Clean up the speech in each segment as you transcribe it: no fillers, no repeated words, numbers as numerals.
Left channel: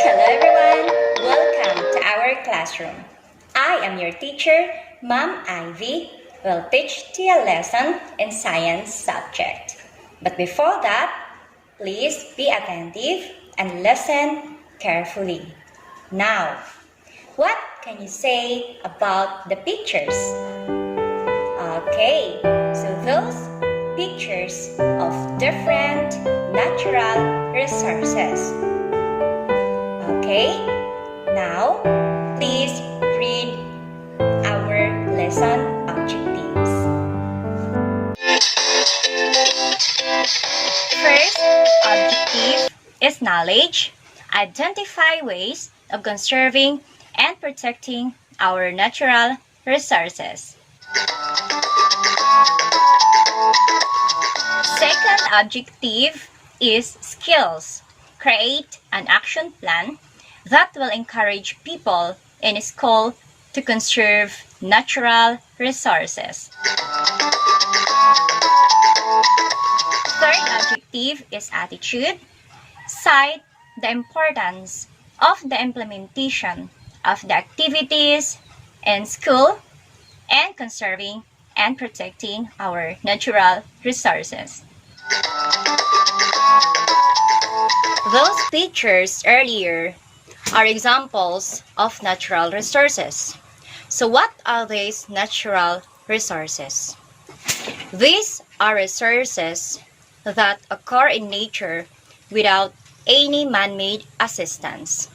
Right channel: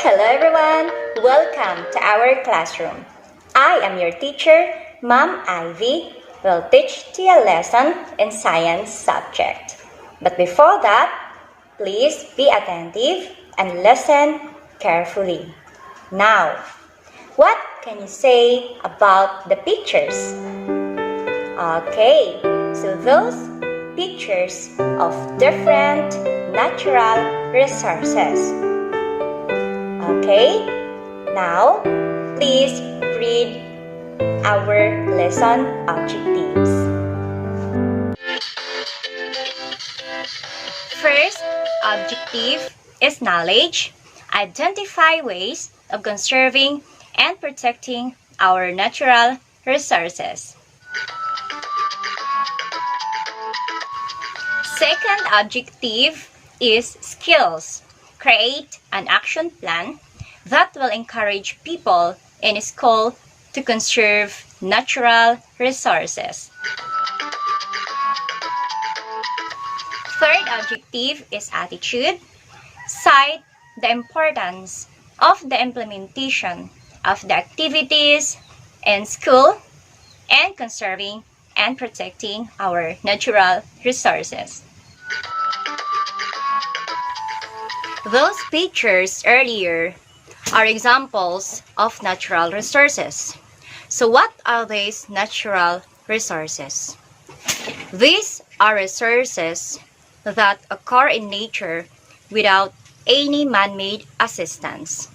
Hello everyone! Welcome to our classroom. I am your teacher, Ma'am Ivy, will teach you a lesson in science subject. But before that, please be attentive and listen carefully. Now, what can you say about the pictures? Okay, so those pictures of different natural resources. Okay, now please read our lesson objectives. First objective is knowledge. Identify ways of conserving and protecting our natural resources. Second objective is skills. Create an action plan that will encourage people in school to conserve natural resources. Third objective is attitude. Cite the importance of the implementation of the activities in school and conserving and protecting our natural resources. Those pictures earlier are examples of natural resources. So what are these natural resources? These are resources that occur in nature without any man-made assistance.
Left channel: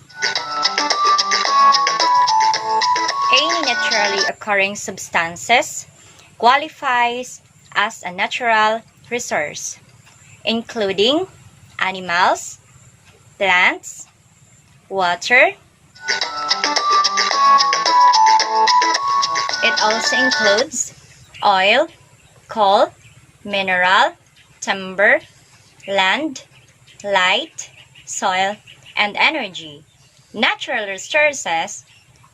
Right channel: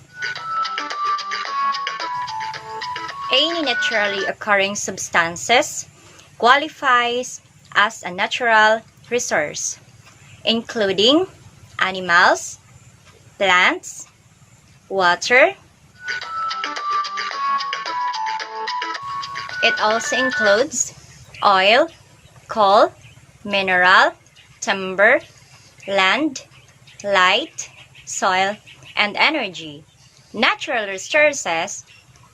Any naturally occurring substances qualifies as a natural resource, including animals, plants, water. It also includes oil, coal, mineral, timber, land, light, soil, and energy. Natural resources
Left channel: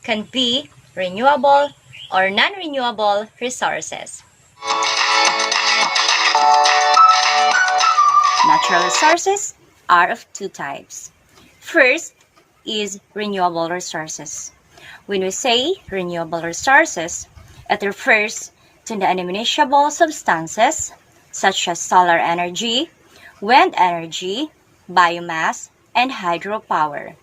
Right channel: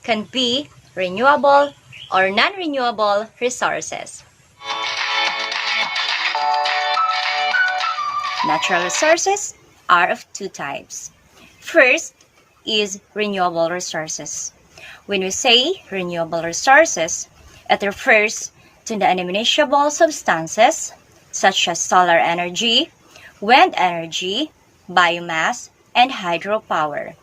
can be renewable or non-renewable resources. Natural resources are of two types. First is renewable resources. When we say renewable resources, it refers to the non-immiscible substances such as solar energy, wind energy, biomass, and hydropower.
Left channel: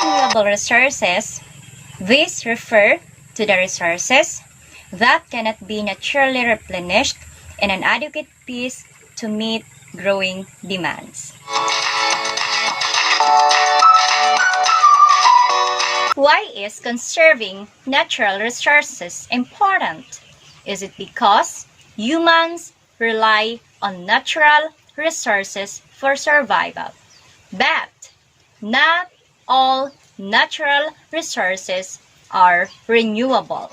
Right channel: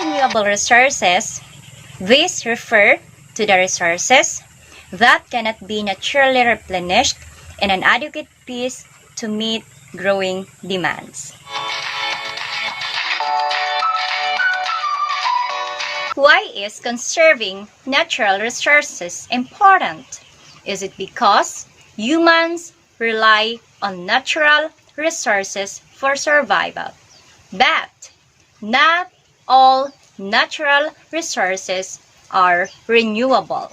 Renewable resources, these refer to the resources that cannot be naturally replenished in an adequate pace to meet growing demands. Why is conserving natural resources important? Is it because humans rely on natural resources for survival? But not all natural resources are renewable.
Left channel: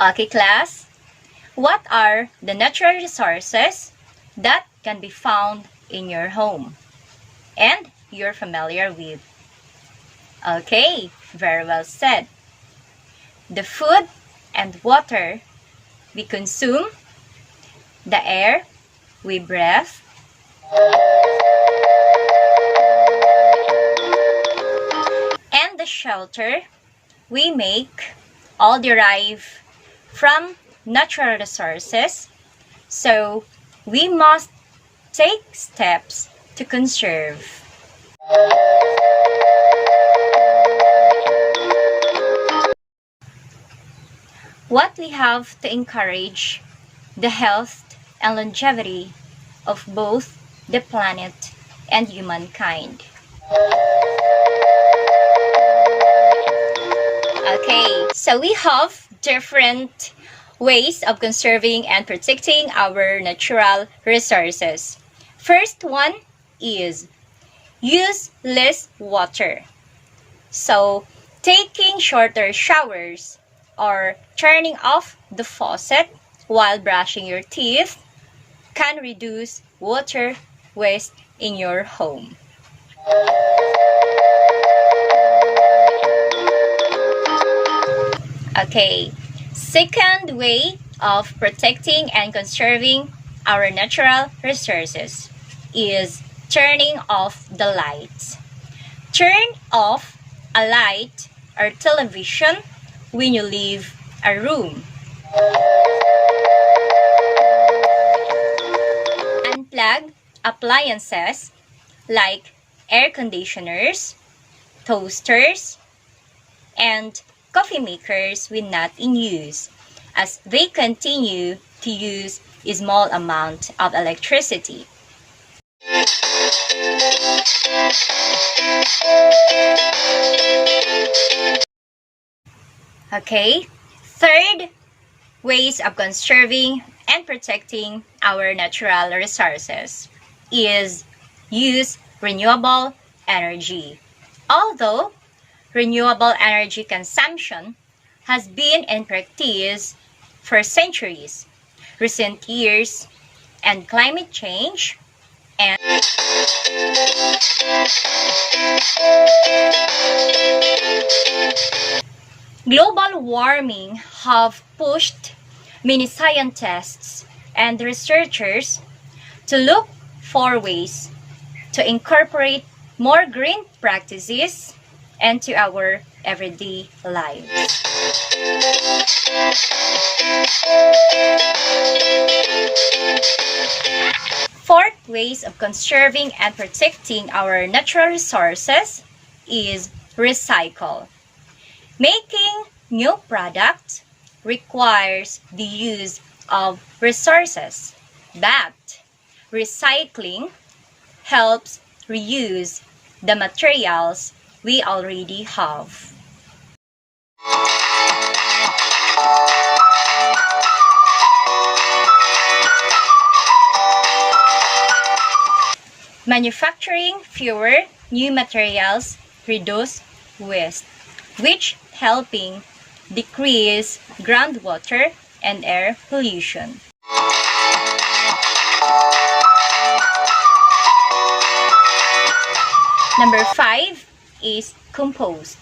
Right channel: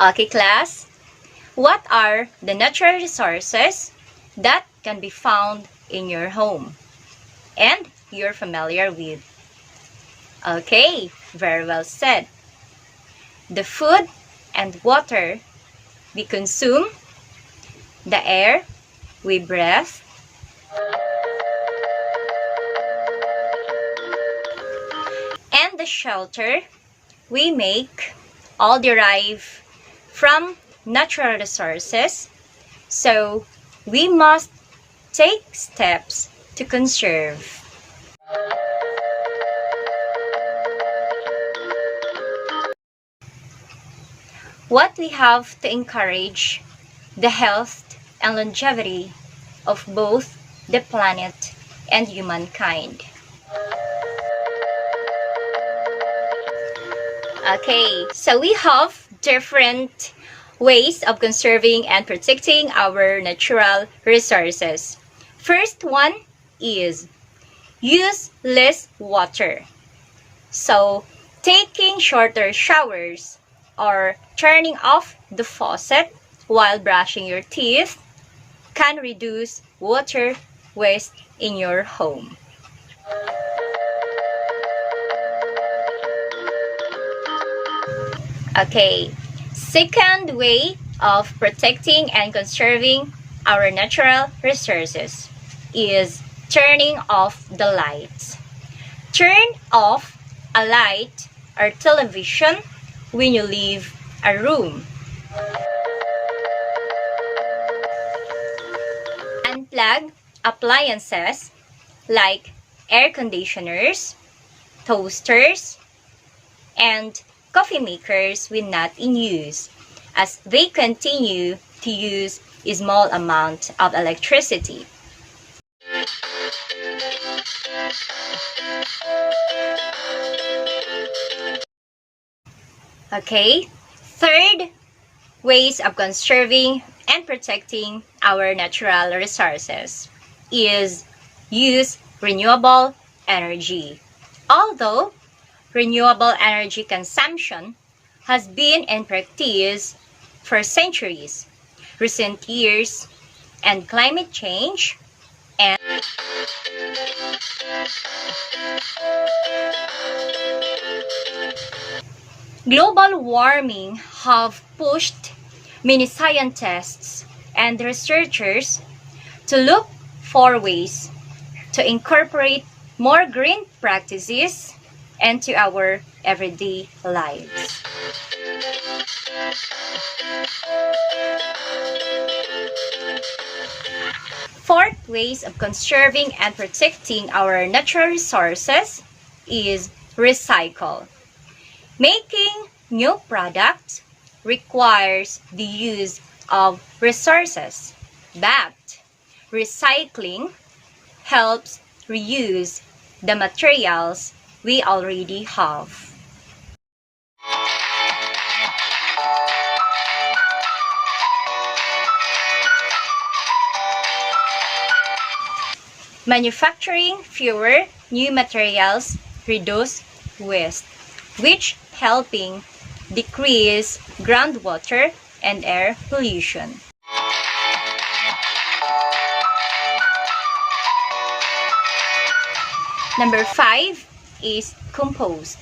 Okay, class, what are the natural resources that can be found in your home and you're familiar with? Okay, very well said. The food and water we consume, the air we breathe, and the shelter we make all derive from natural resources. So we must take steps to conserve. What we have to encourage the health and longevity of both the planet and humankind. Okay, so we have different ways of conserving and protecting our natural resources. First one is use less water. So, taking shorter showers or turning off the faucet while brushing your teeth can reduce water waste in your home. Okay, second way of protecting and conserving our natural resources is turning off the lights. Turn off a light or television when you leave a room. Unplug appliances like air conditioners, toasters, and coffee makers when not in use, as they continue to use a small amount of electricity. Okay, third ways of conserving and protecting our natural resources is use renewable energy. Although renewable energy consumption has been in practice for centuries, recent years, and climate change and global warming have pushed many scientists and researchers to look for ways to incorporate more green practices into our everyday lives. Fourth ways of conserving and protecting our natural resources is recycle. Making new products requires the use of resources, but recycling helps reuse the materials we already have. Manufacturing fewer new materials reduce waste, which helping decrease groundwater and air pollution. Number 5 is compost.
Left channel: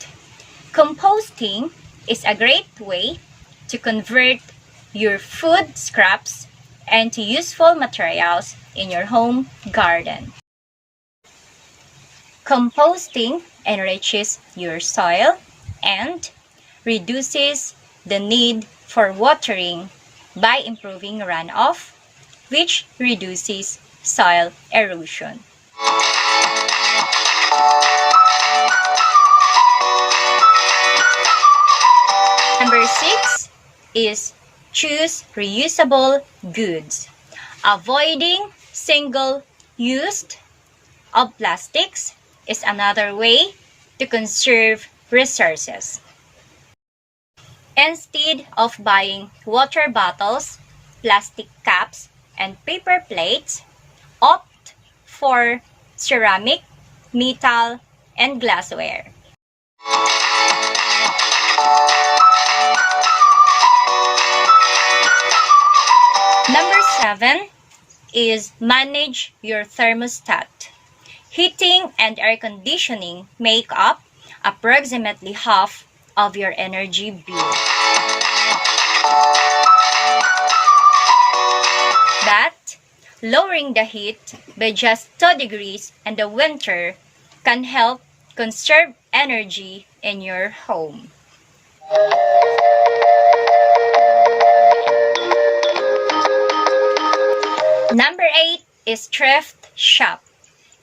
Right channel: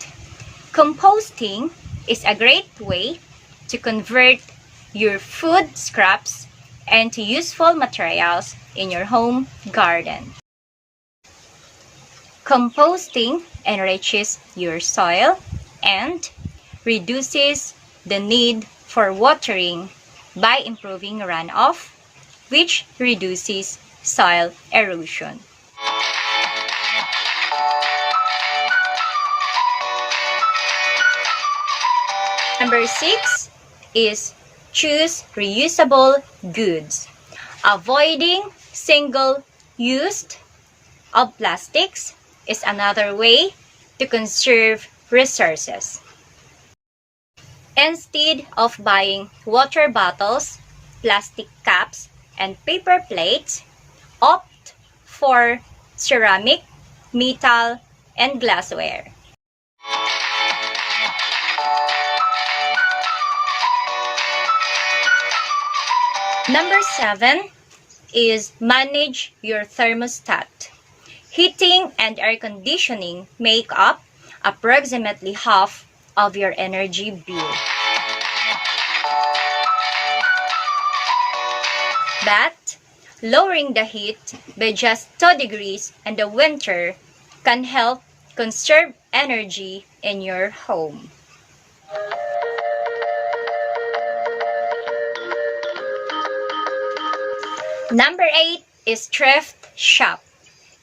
Composting is a great way to convert your food scraps into useful materials in your home garden. Composting enriches your soil and reduces the need for watering by improving runoff, which reduces soil erosion. Number 6 is choose reusable goods. Avoiding single-use of plastics is another way to conserve resources. Instead of buying water bottles, plastic cups, and paper plates, opt for ceramic, metal, and glassware. Number 7 is manage your thermostat. Heating and air conditioning make up approximately half of your energy bill. But lowering the heat by just 2 degrees in the winter can help conserve energy in your home. Number 8 is thrift shop.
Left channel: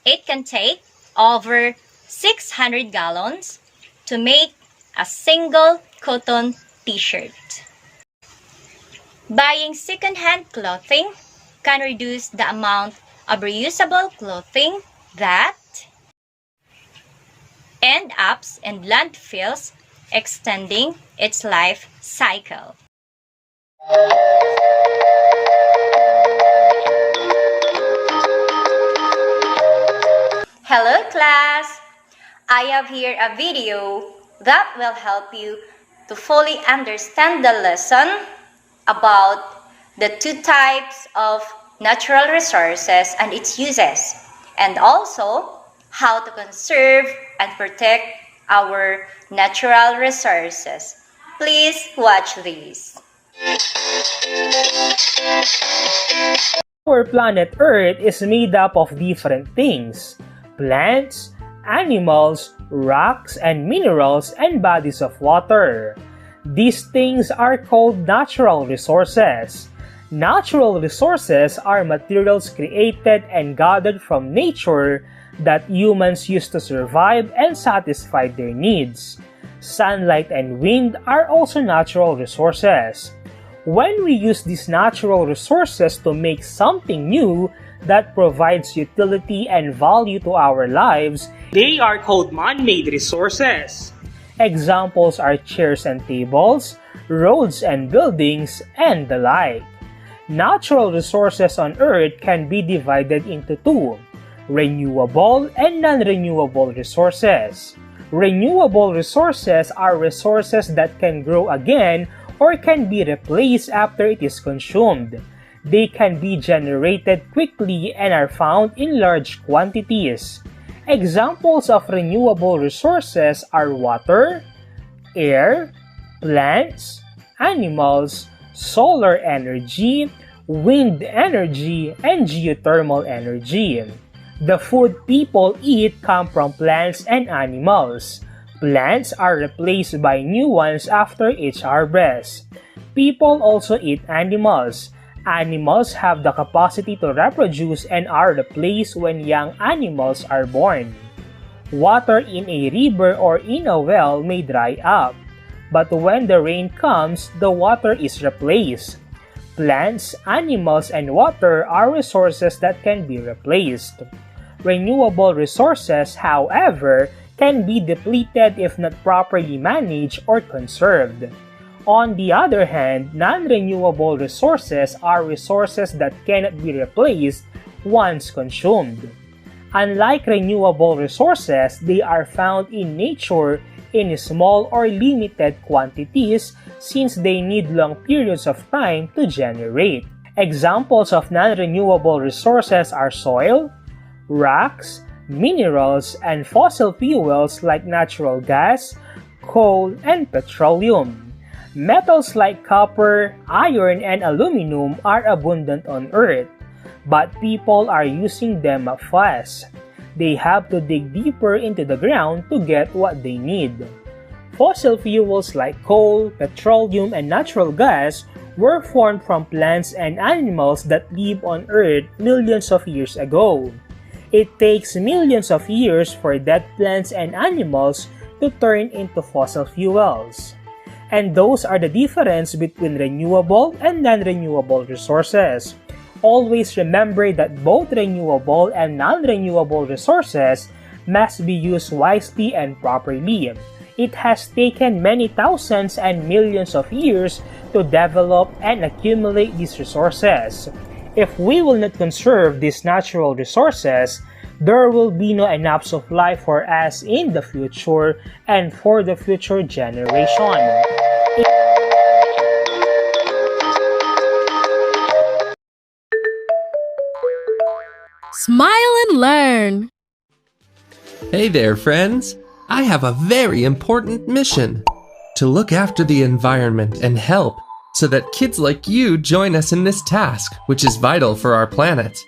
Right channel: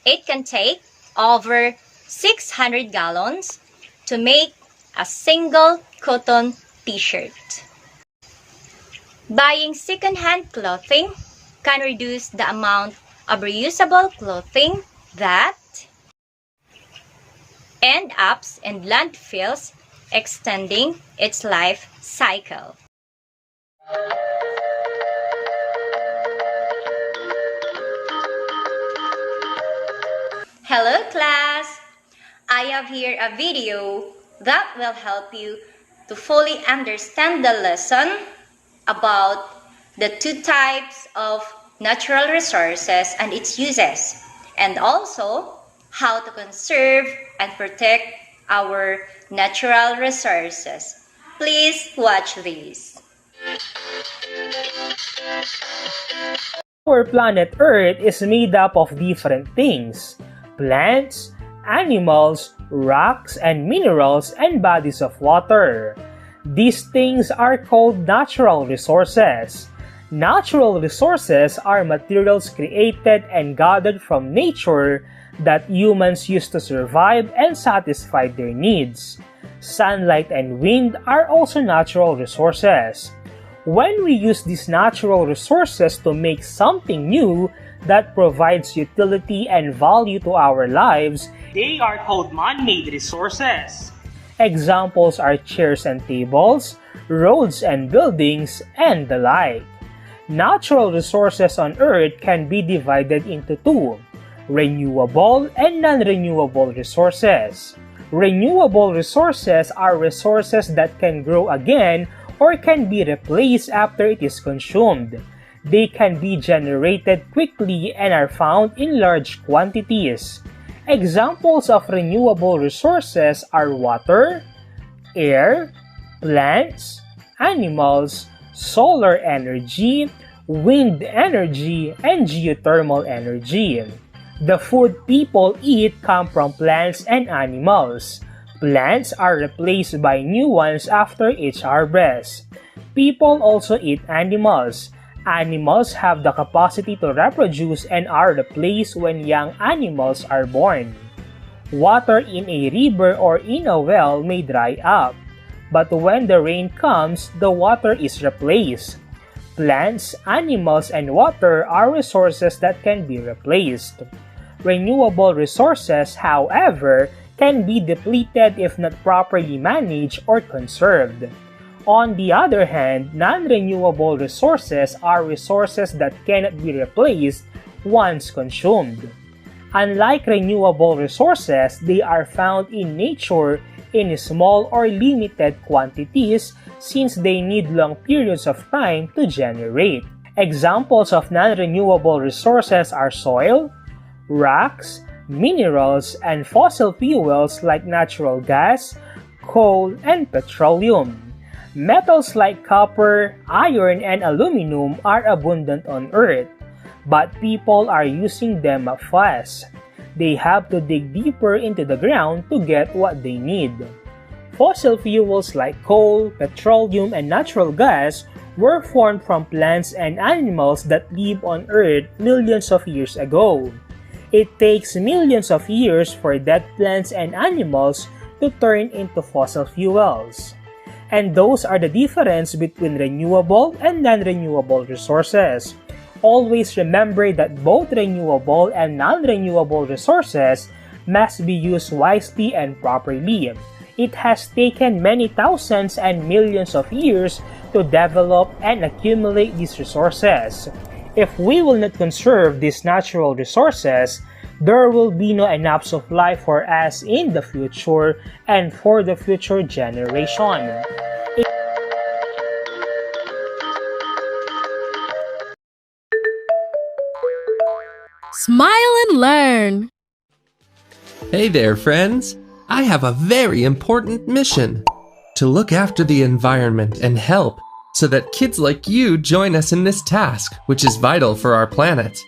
It can take over 600 gallons to make a single cotton t-shirt. Buying second-hand clothing can reduce the amount of reusable clothing that end up in landfills, extending its life cycle. Hello class! I have here a video that will help you to fully understand the lesson about the two types of natural resources and its uses, and also how to conserve and protect our natural resources. Please watch this. Our planet Earth is made up of different things: plants, animals, rocks and minerals, and bodies of water. These things are called natural resources. Natural resources are materials created and gathered from nature that humans use to survive and satisfy their needs. Sunlight and wind are also natural resources. When we use these natural resources to make something new that provides utility and value to our lives, they are called man-made resources. Examples are chairs and tables, roads and buildings, and the like. Natural resources on Earth can be divided into two: renewable and non-renewable resources. Renewable resources are resources that can grow again or can be replaced after it is consumed. They can be generated quickly and are found in large quantities. Examples of renewable resources are water, air, plants, animals, solar energy, wind energy, and geothermal energy. The food people eat come from plants and animals. Plants are replaced by new ones after each harvest. People also eat animals. Animals have the capacity to reproduce and are replaced when young animals are born. Water in a river or in a well may dry up, but when the rain comes, the water is replaced. Plants, animals, and water are resources that can be replaced. Renewable resources, however, can be depleted if not properly managed or conserved. On the other hand, non-renewable resources are resources that cannot be replaced once consumed. Unlike renewable resources, they are found in nature in small or limited quantities since they need long periods of time to generate. Examples of non-renewable resources are soil, rocks, minerals, and fossil fuels like natural gas, coal, and petroleum. Metals like copper, iron, and aluminum are abundant on Earth, but people are using them fast. They have to dig deeper into the ground to get what they need. Fossil fuels like coal, petroleum, and natural gas were formed from plants and animals that live on Earth millions of years ago. It takes millions of years for dead plants and animals to turn into fossil fuels. And those are the difference between renewable and non-renewable resources. Always remember that both renewable and non-renewable resources must be used wisely and properly. It has taken many thousands and millions of years to develop and accumulate these resources. If we will not conserve these natural resources, there will be no enough supply for us in the future and for the future generation. Smile and learn! Hey there, friends! I have a very important mission: to look after the environment and help so that kids like you join us in this task, which is vital for our planet.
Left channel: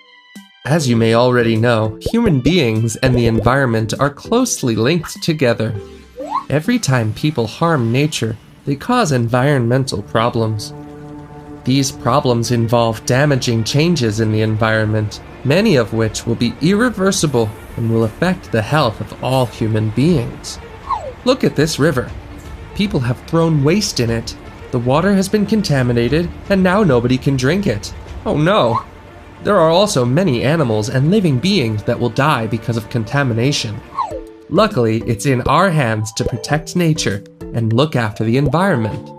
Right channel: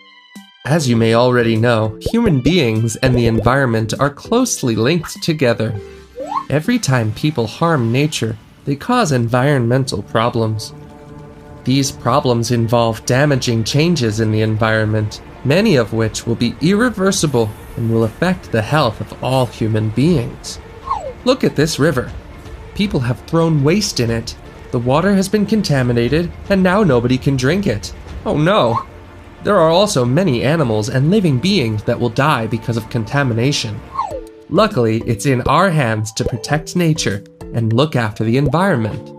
As you may already know, human beings and the environment are closely linked together. Every time people harm nature, they cause environmental problems. These problems involve damaging changes in the environment, many of which will be irreversible and will affect the health of all human beings. Look at this river. People have thrown waste in it. The water has been contaminated, and now nobody can drink it. Oh no! There are also many animals and living beings that will die because of contamination. Luckily, it's in our hands to protect nature and look after the environment.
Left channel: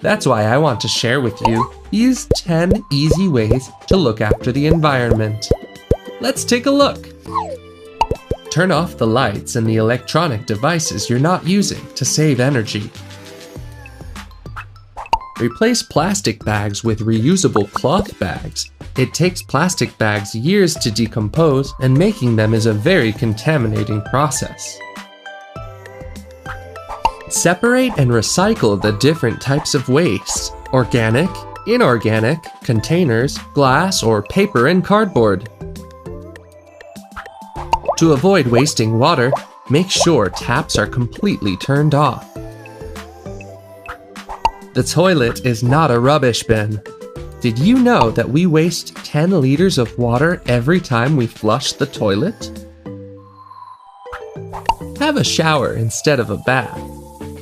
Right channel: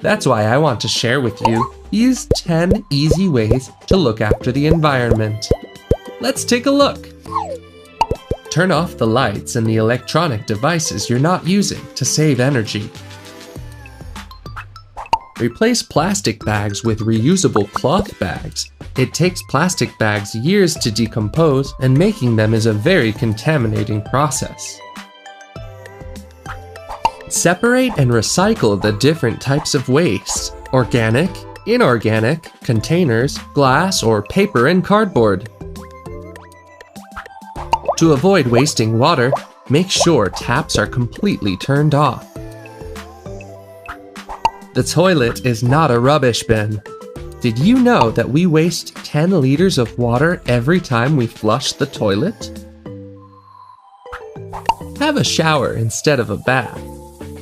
That's why I want to share with you these 10 easy ways to look after the environment. Let's take a look. Turn off the lights and the electronic devices you're not using to save energy. Replace plastic bags with reusable cloth bags. It takes plastic bags years to decompose, and making them is a very contaminating process. Separate and recycle the different types of waste: organic, inorganic, containers, glass, or paper and cardboard. To avoid wasting water, make sure taps are completely turned off. The toilet is not a rubbish bin. Did you know that we waste 10 liters of water every time we flush the toilet? Have a shower instead of a bath.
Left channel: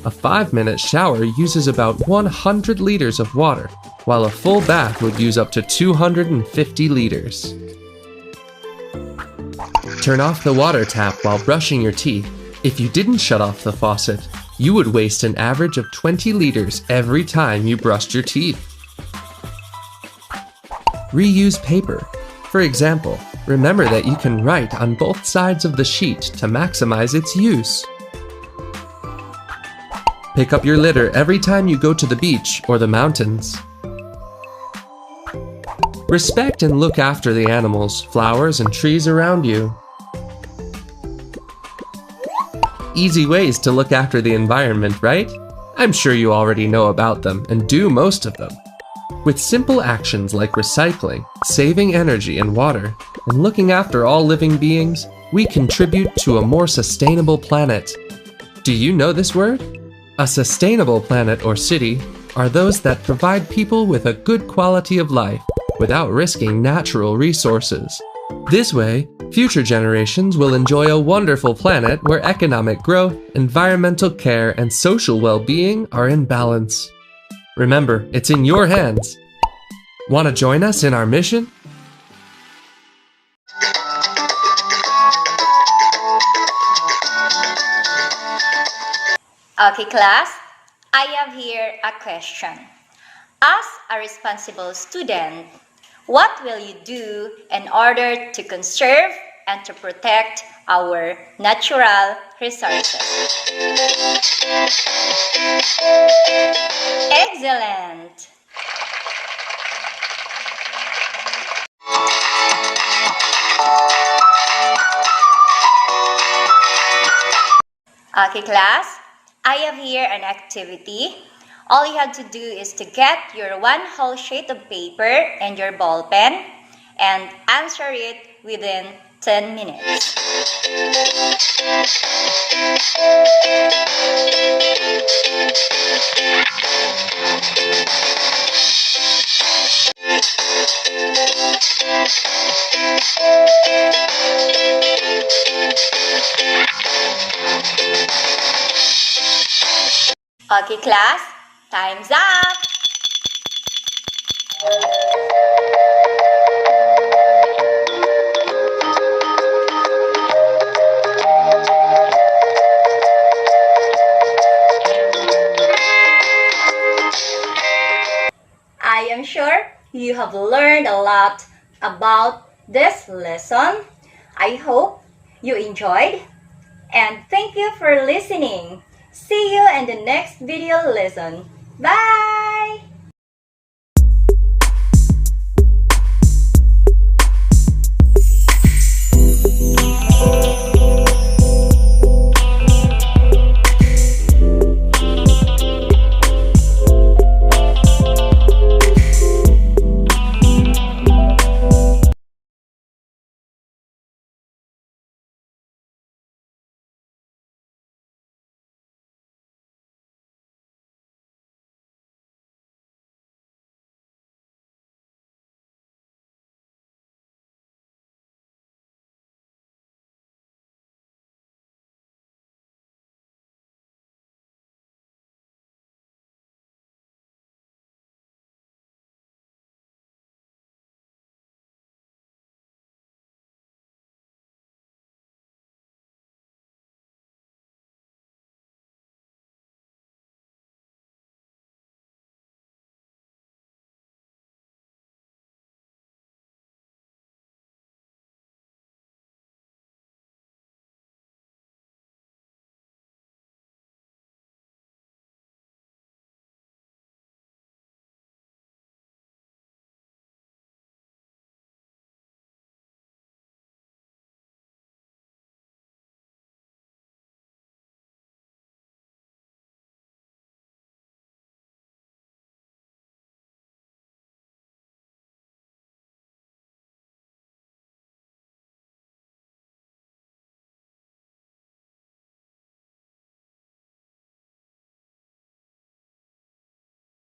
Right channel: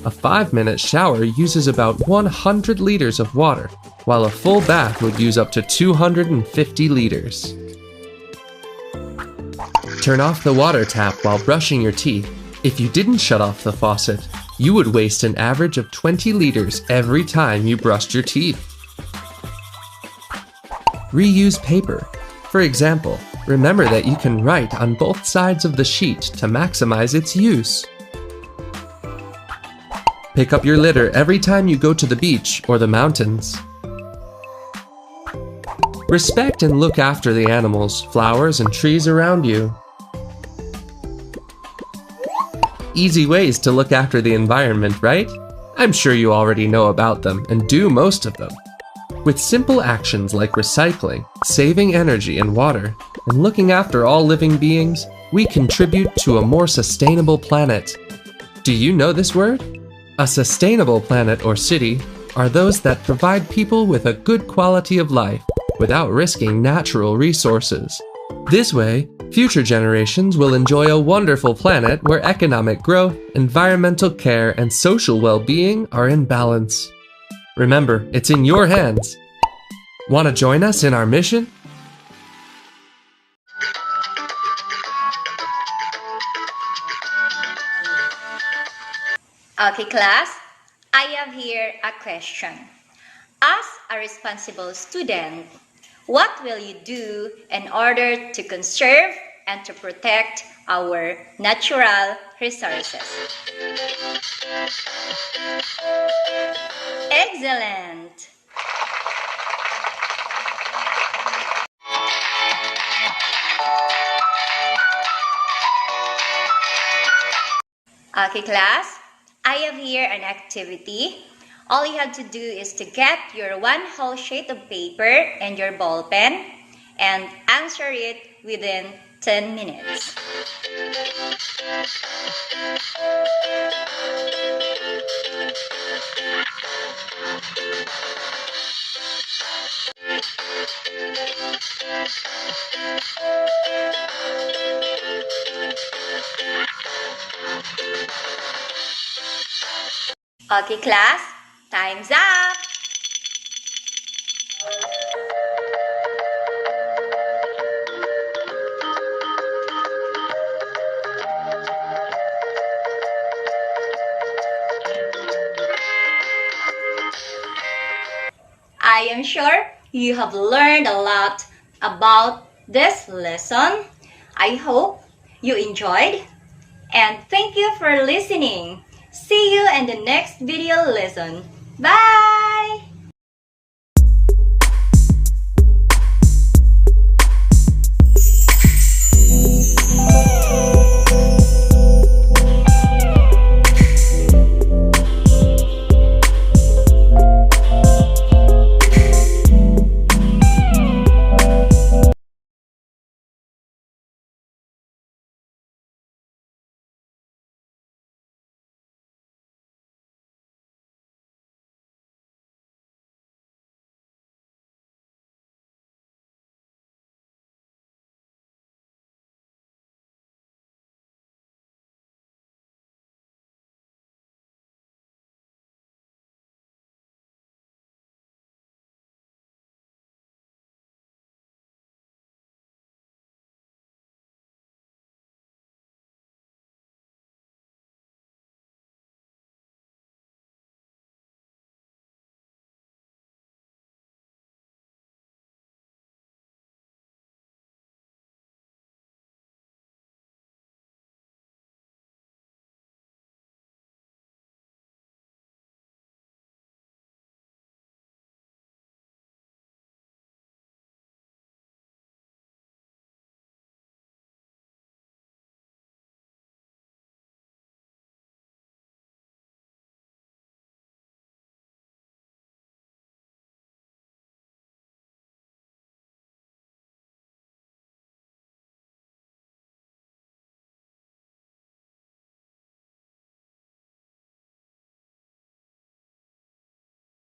A 5-minute shower uses about 100 liters of water, while a full bath would use up to 250 liters. Turn off the water tap while brushing your teeth. If you didn't shut off the faucet, you would waste an average of 20 liters every time you brushed your teeth. Reuse paper. For example, remember that you can write on both sides of the sheet to maximize its use. Pick up your litter every time you go to the beach or the mountains. Respect and look after the animals, flowers, and trees around you. Easy ways to look after the environment, right? I'm sure you already know about them and do most of them. With simple actions like recycling, saving energy and water, and looking after all living beings, we contribute to a more sustainable planet. Do you know this word? A sustainable planet or city are those that provide people with a good quality of life without risking natural resources. This way, future generations will enjoy a wonderful planet where economic growth, environmental care, and social well-being are in balance. Remember, it's in your hands. Want to join us in our mission? Okay, class, I have here a question. As a responsible student, what will you do in order to conserve and to protect our natural resources? Excellent! Okay, class, I have here an activity. All you have to do is to get your one whole sheet of paper and your ball pen and answer it within 10 minutes. Okay, class, time's up! I am sure you have learned a lot about this lesson. I hope you enjoyed, and thank you for listening. See you in the next video lesson. Bye!